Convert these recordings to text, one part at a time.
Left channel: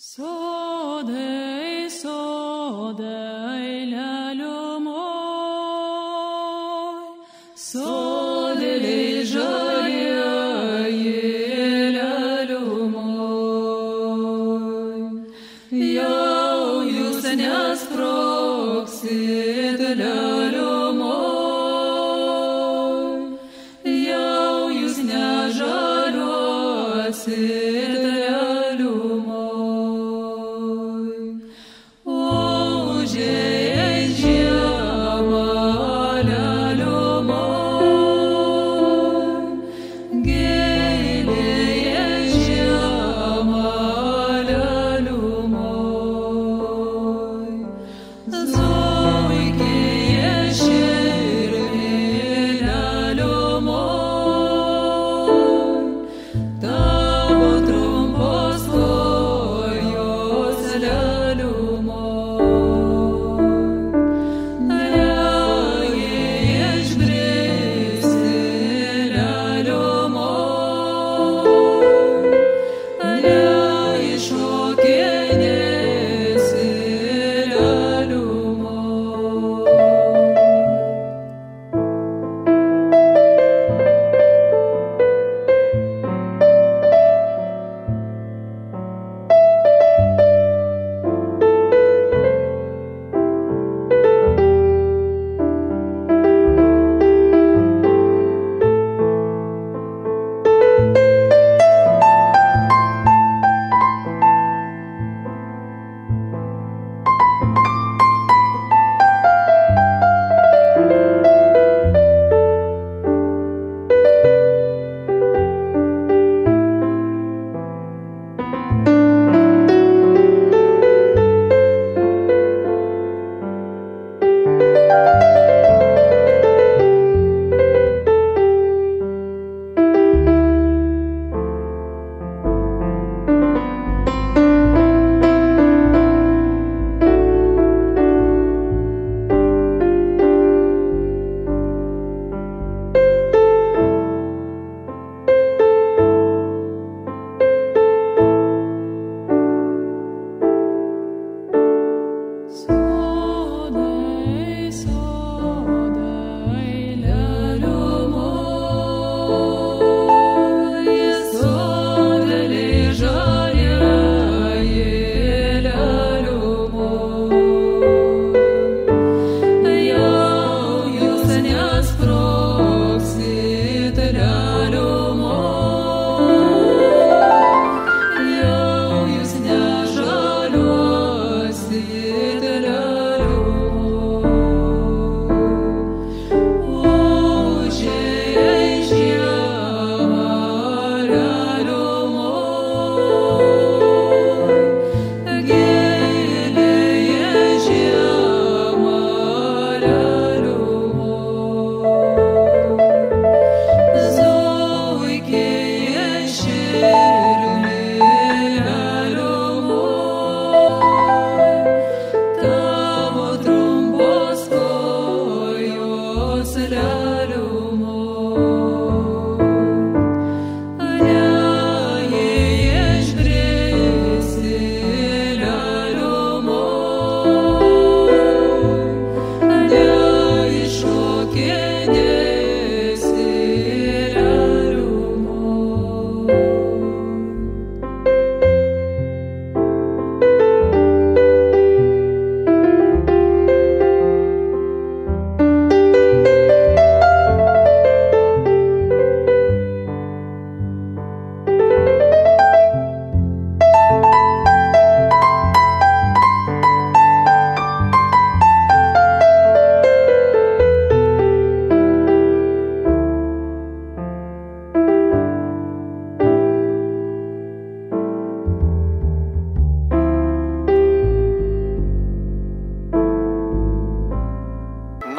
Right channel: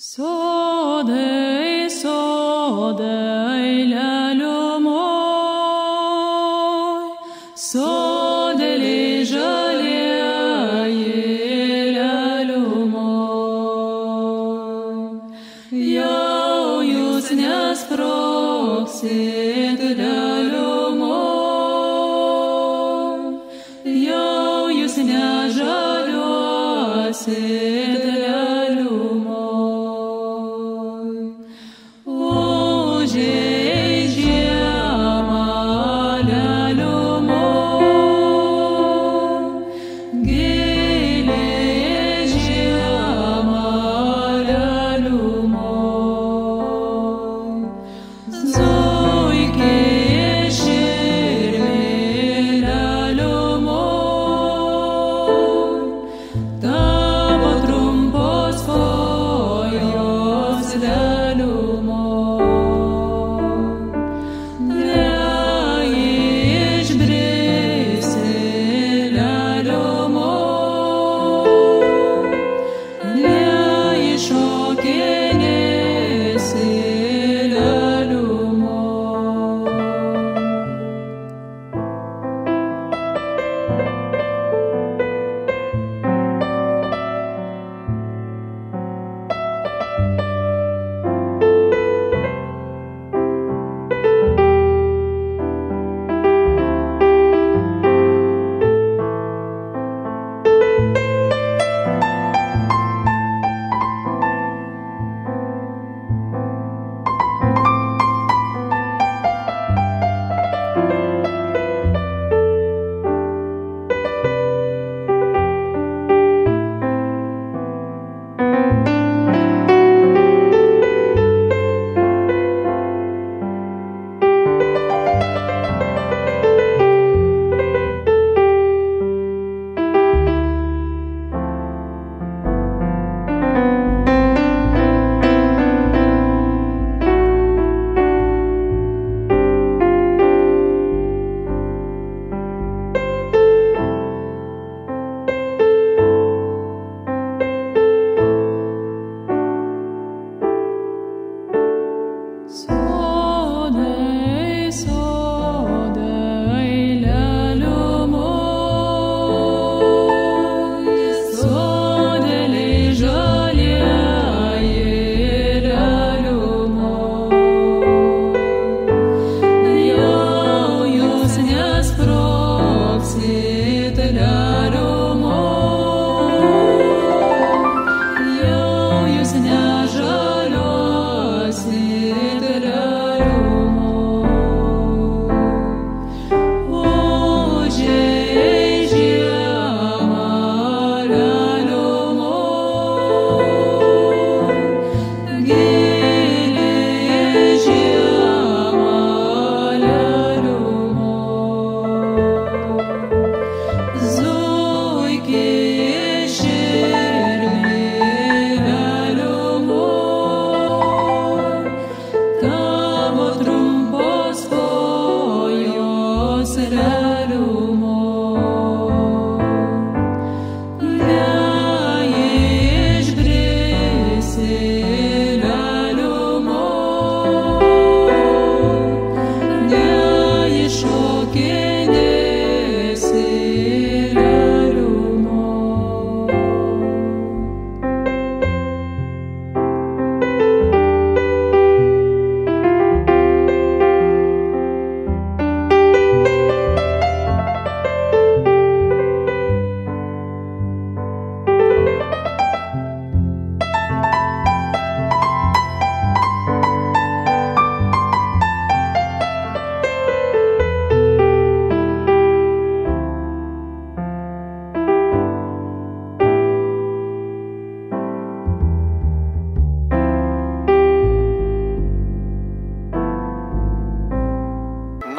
Sodai, sodai, leliumoj, sodeliai žalieji, leliumoj. Jau jūs nesprogsit, leliumoj, jau jūs nežaliuosit, leliumoj.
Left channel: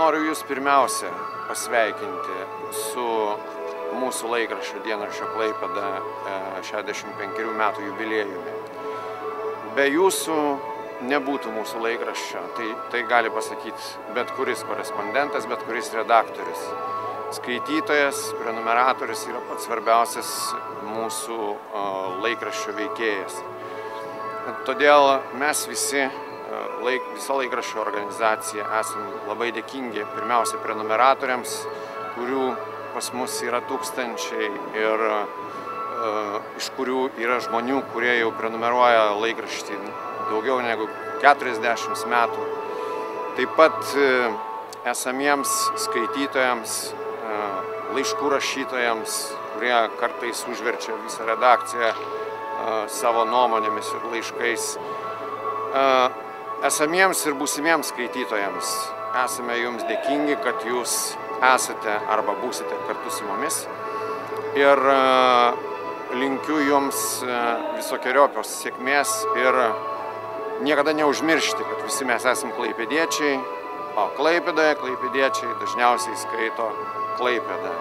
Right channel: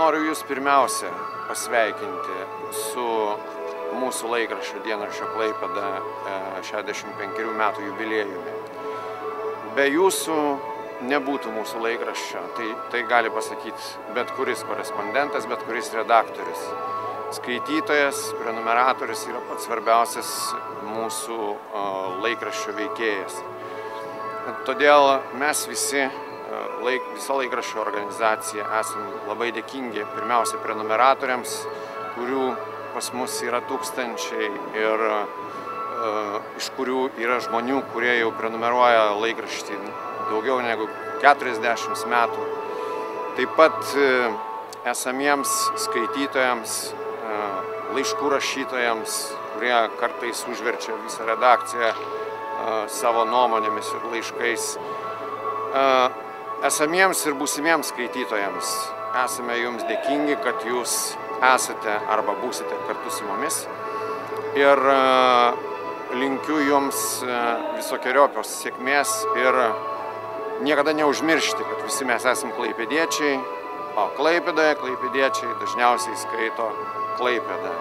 Noriu Jūs pirmiausia pasveikinti su mūsų laikraščio dienraščio Klaipėda 65 metų jubiliejumi. Be Jūsų nebūtų mūsų laikraščio, tai gali pasakyti bet kuris korespondentas, bet kuris redaktorius. Skaitytojas, prenumeratorius yra pats svarbiausias mūsų laikraščio veikėjas. Todėl mes visa laikraščio organizacija esam labai dėkingi pirmiausia prenumeratoriams, kurių pas mus yra tūkstančiai ir iš kurių yra žmonių, kurie jau prenumeruoja laikraštį daugiau negu 40 metų. Taip pat esamiems skaitytojams, laiškų rašytojams, kurie kartais užverčia visą redakciją savo nuomonėmis ir laiškais. Esamiems ir būsimiems skaitytojams esame jums dėkingi, kad jūs esate arba būsite kartu su mumis. Ir linkiu jums visokeriopios sėkmės ir niekada neužmiršti, kad visi mes esame klaipėdiečiai, o Klaipėdoje klaipėdiečiai dažniausiai skaito Klaipėdą.